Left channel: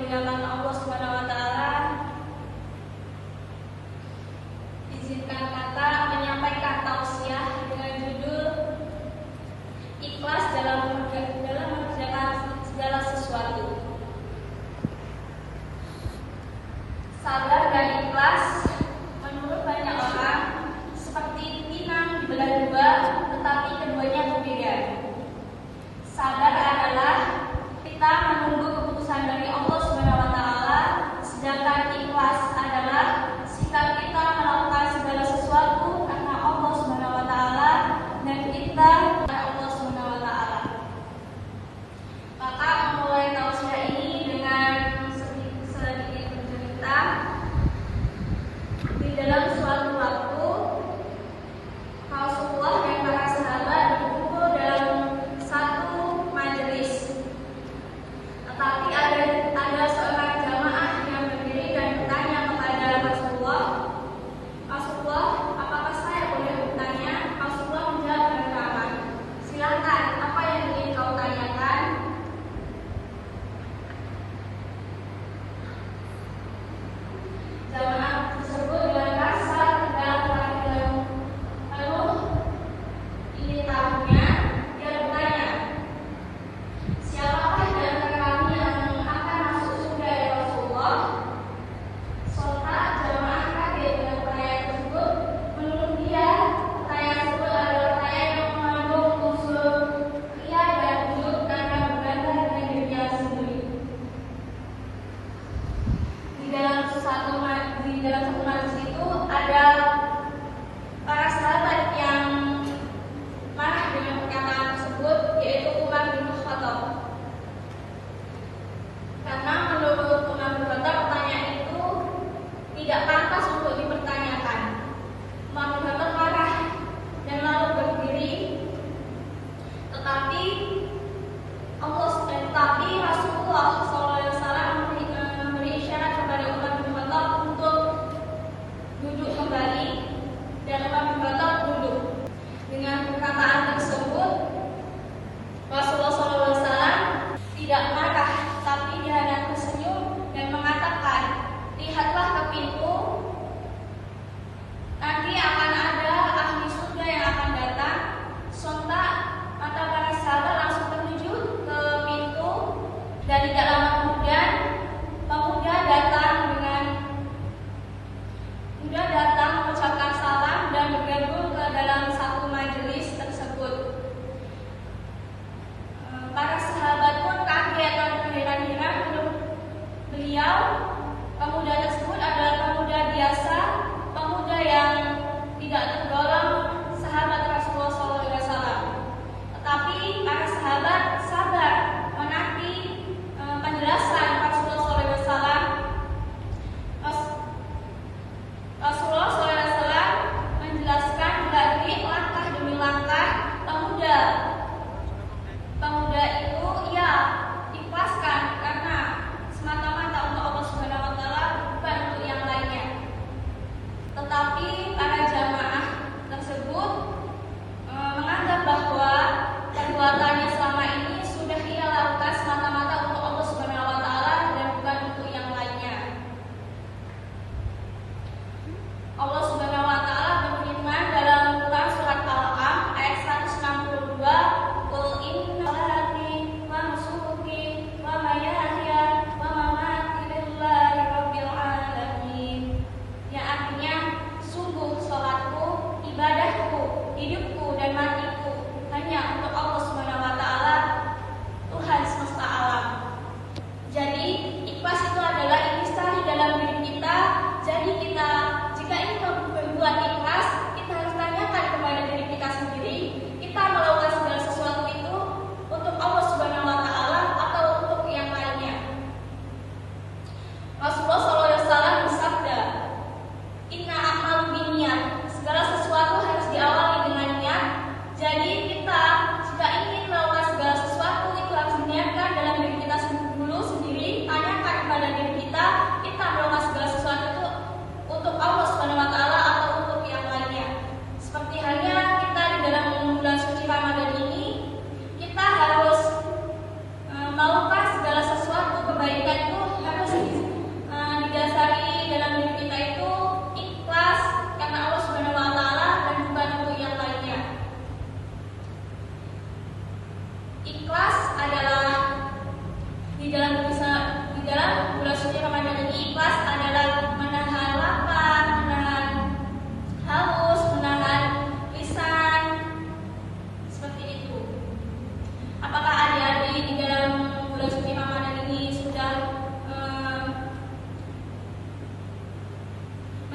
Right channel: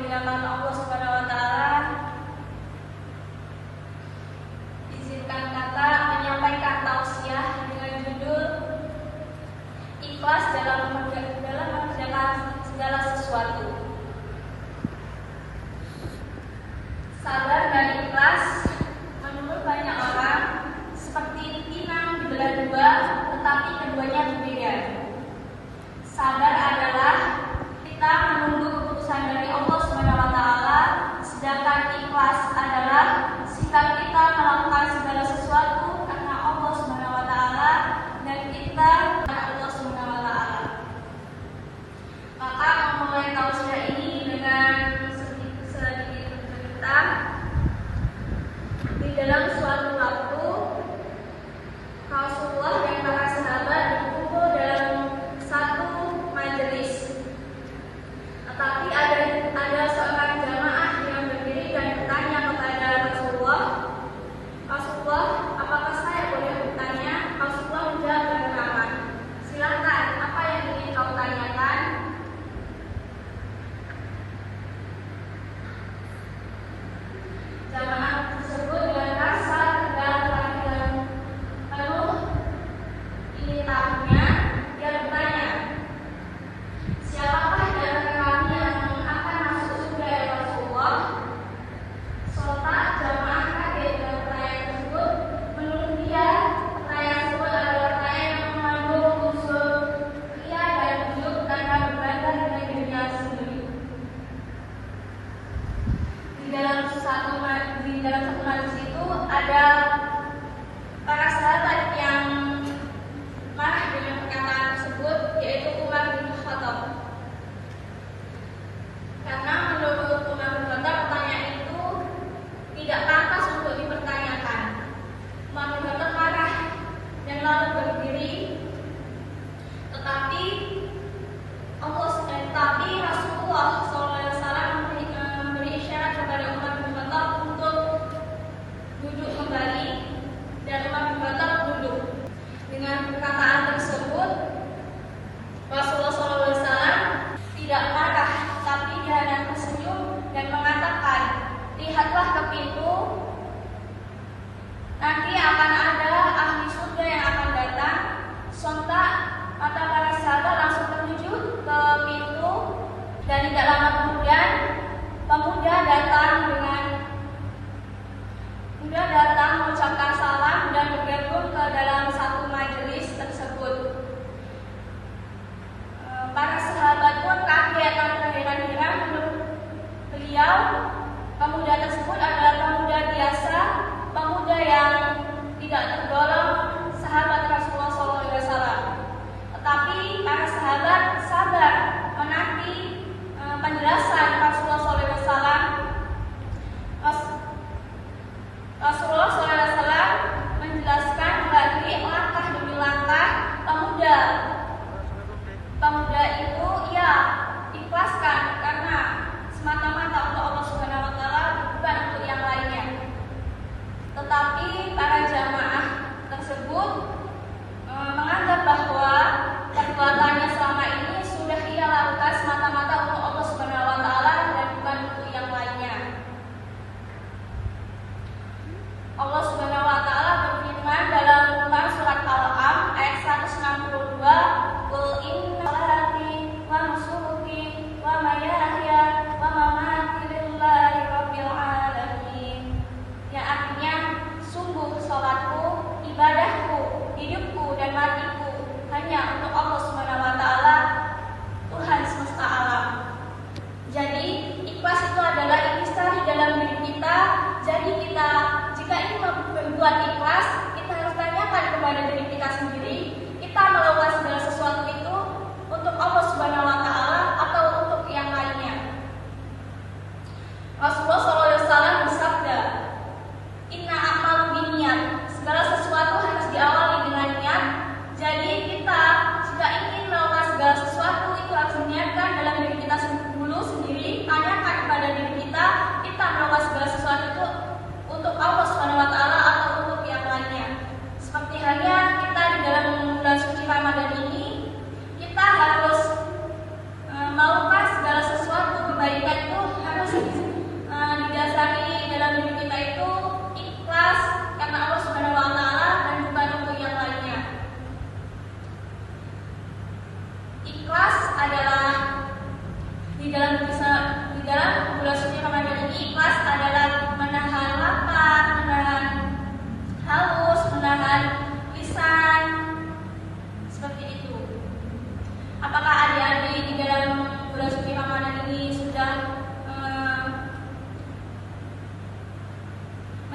dimuliakan Allah Subhanahu wa taala, izinkan kakak menyampaikan tausiah dengan judul Ikhlas dalam mengerjakan segala sesuatu. Sabar dan ikhlas menurut banyak orang seperti pinang dibelah dua, tetapi keduanya berbeda. Sabar adalah kita menunggu keputusan dari Allah Subhanahu wa taala, sedangkan ikhlas adalah sikap kita melakukan segala sesuatu karena Allah Subhanahu wa taala dan kita karena Allah Subhanahu wa taala. Maka memulai tausiah ini dengan sedikit cerita. Di dalam suatu waktu Rasulullah dan para sahabat berkumpul dalam satu majelis. Tetapi ada seorang jamaah yang berdiri dan bertanya kepada Rasulullah, "Rasulullah, apakah saya boleh bertanya?" Rasulullah menjawab dengan ramah, "Silakan, apa yang ingin kau tanyakan?" Jamaah tersebut dengan rasa tegang dan penuh ingin tahunya, dia bertanya, "Siapakah di antara kami yang akan masuk surga ya Rasulullah?" Sontak jamaah kaget dengan pertanyaan tersebut. Menurut dia, pertanyaan tersebut adalah pertanyaan yang mengandung unsur ria dan ujub karena berbangga dengan dirinya sendiri. Di dalam satu majelis itu ada para sahabat yang marah dengan perkataan tersebut, yaitu Umar bin Khattab. Karena menurut Umar bin Khattab pertanyaan itu tidak pantas untuk dipertanyakan. Umar bin Khattab marah dan lalu berdiri, tetapi Rasulullah SAW memberi isyarat kepada Umar bin Khattab untuk duduk kembali.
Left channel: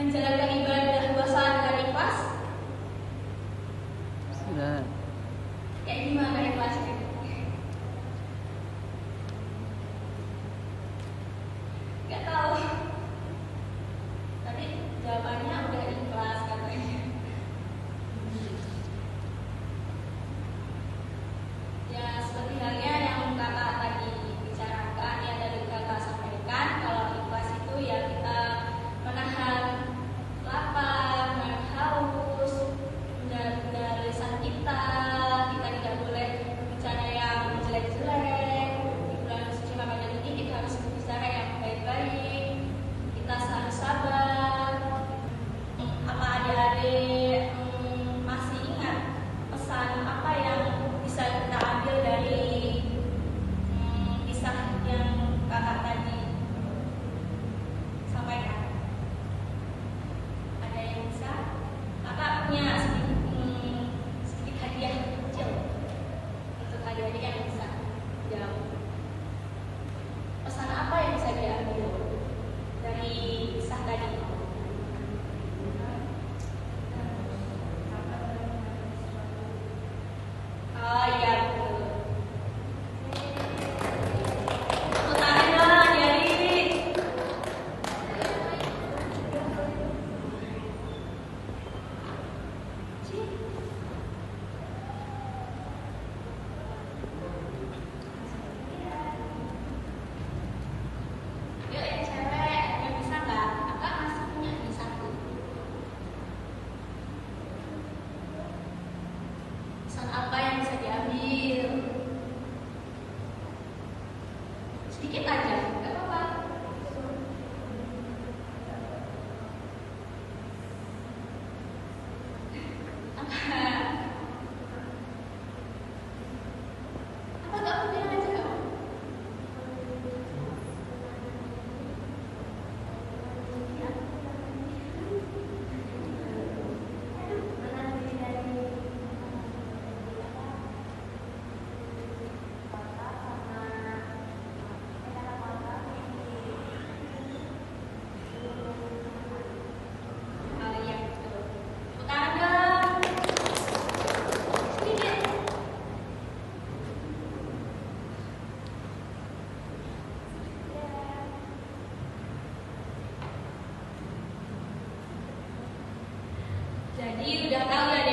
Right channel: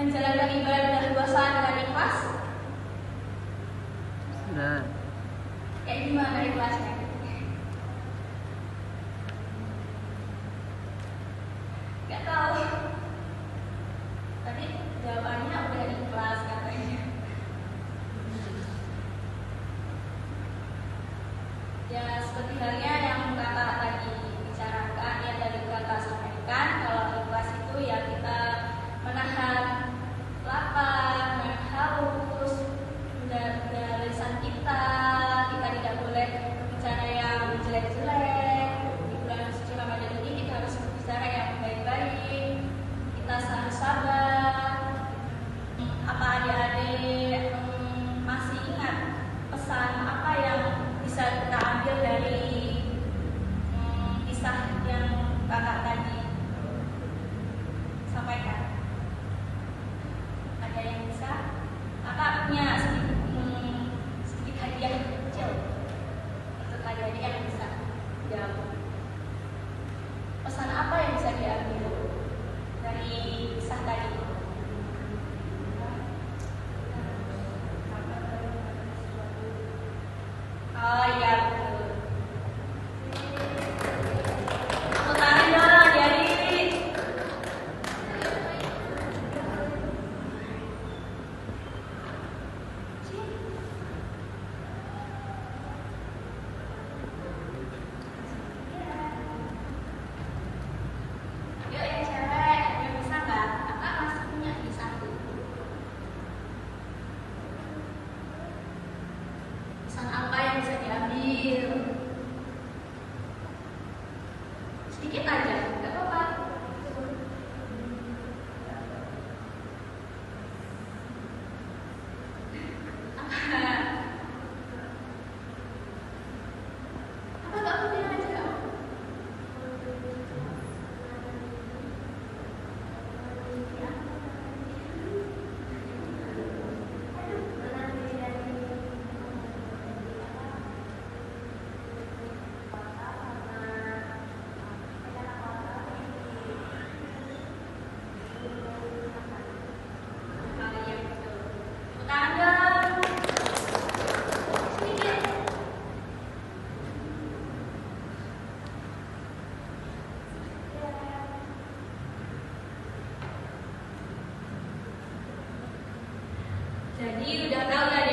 menjalankan ibadah puasa dengan ikhlas? Sudah. Kayak gimana ikhlasnya? Gak tahu. Tadi jawabannya udah ikhlas katanya. Ya seperti halnya yang kakak tadi bicarakan, yang dari kakak sampaikan, kalau ikhlas itu ya kita menahan lapar, menahan haus, menjaga lisan kita tidak boleh berbicara yang jelek-jelek. Di bulan suci Ramadan ini kita harus berbicara yang baik-baik, kita harus sabar. Apa adik-adik masih ingat pesan apa yang bisa kita ambil dari kisah yang kakak tadi sampaikan? Ada yang bisa? Kakak punya sedikit hadiah kecil untuk adik-adik yang bisa jawab. Pesan apa yang bisa diambil dari kisah tadi? Oh iya betul. Tepuk tangan dong adik-adik. Yuk yang cewek, yang bisa nggak? Kakak masih punya di satu. Pesan apa yang bisa diambil? Sedikit aja, nggak apa-apa. Apa nggak punya aja? Oh iya betul. Tepuk tangan dong. Sedikit. Jadi udah tahu ya